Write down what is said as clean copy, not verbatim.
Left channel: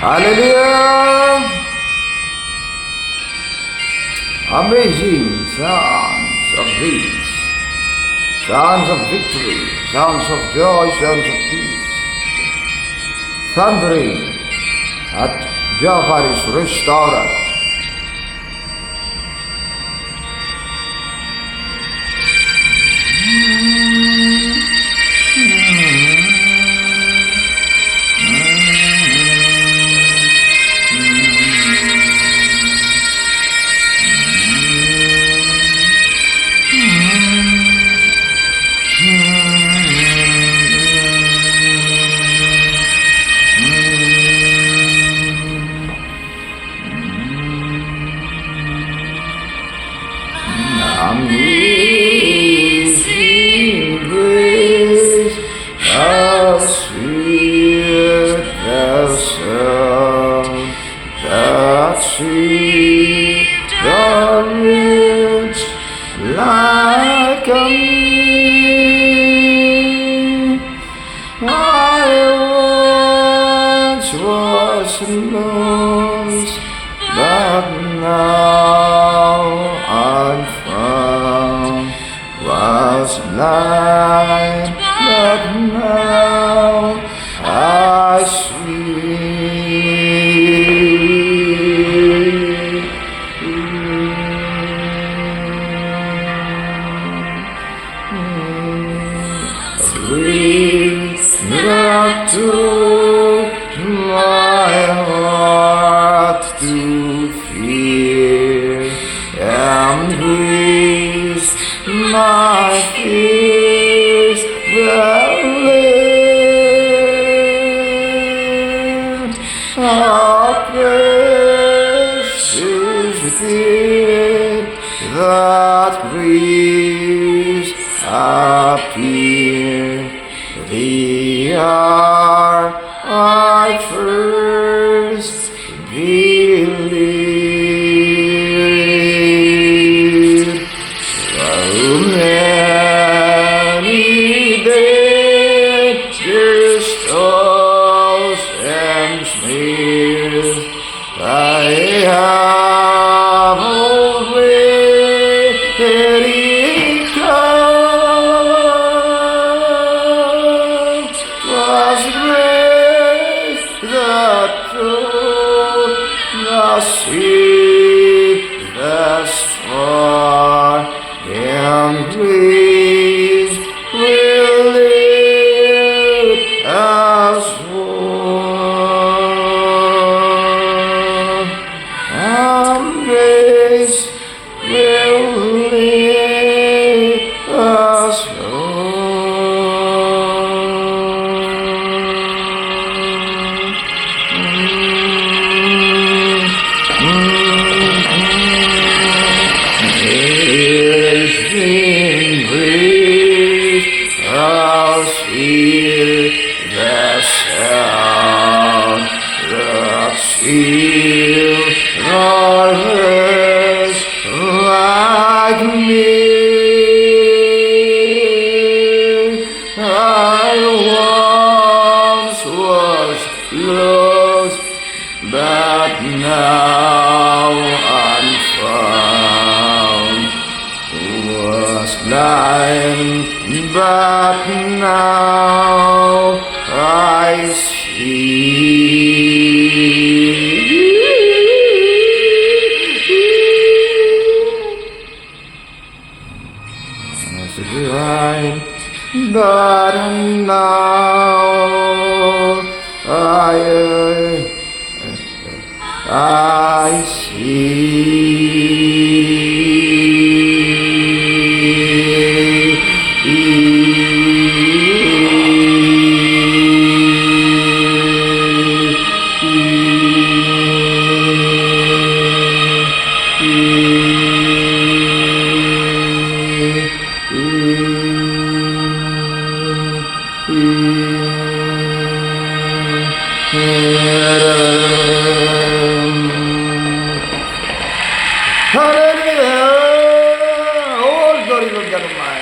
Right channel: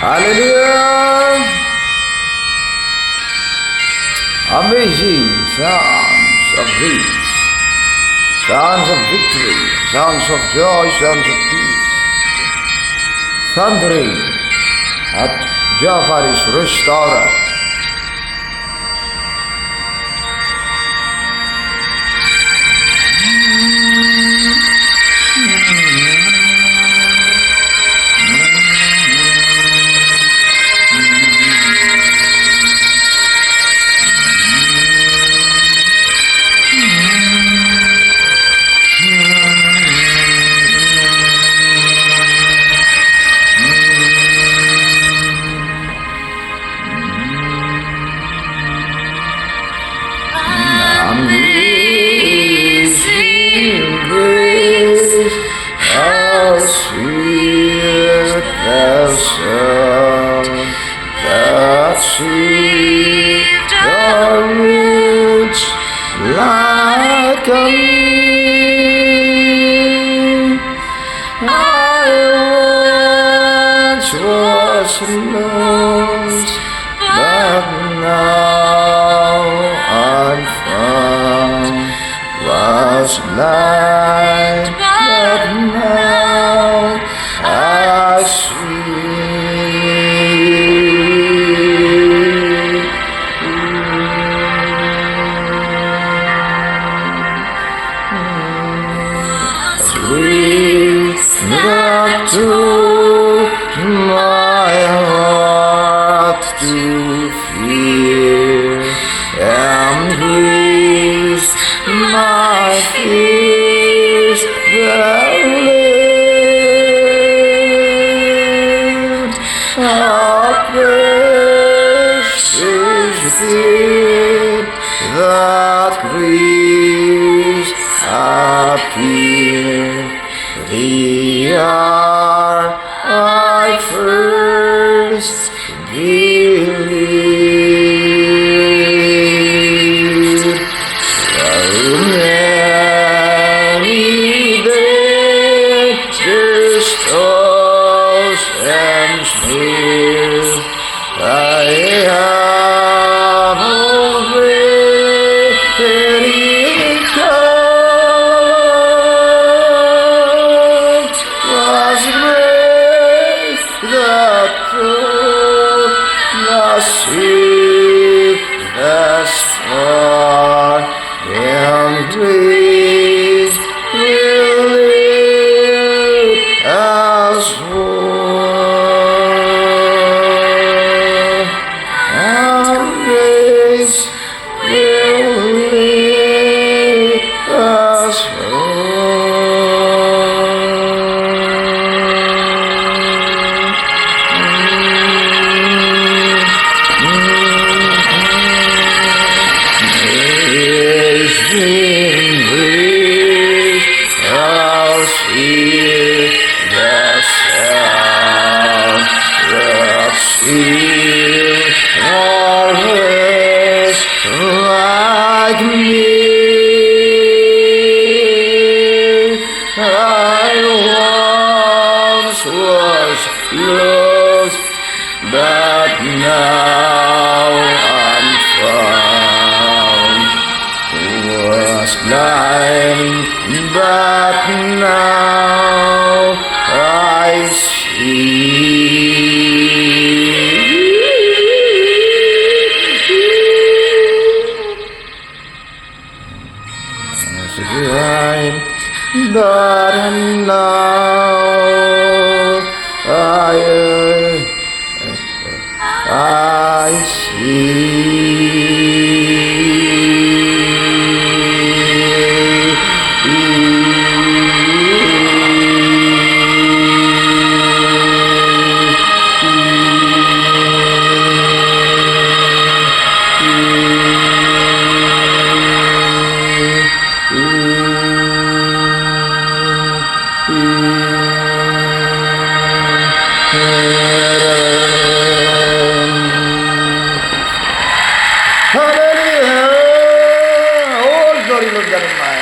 Hallelujah! Amazing sounds of grace, sounds of victory, sounds of joy, sounds of peace, thundering at Jehovah's restaurant. Amazing grace, how sweet the sound that saved the roots like a me. I once was lost, but now I'm found. Was blind, but now I see. Back to my heart to fear and grace my fears relieved. How precious did that grace appear the hour I first believed. So many dangers, toils, and snares I have already come. Was grace that took the sea thus far, and grace will lead us home. And grace will lead us home. Amazing grace, how sweet the sound that saved our hearts like me. I once was lost, but now I'm found. Was blind, but now I see. Was blind, but now I see. Hallelujah! Oh, glory, Lord God Almighty.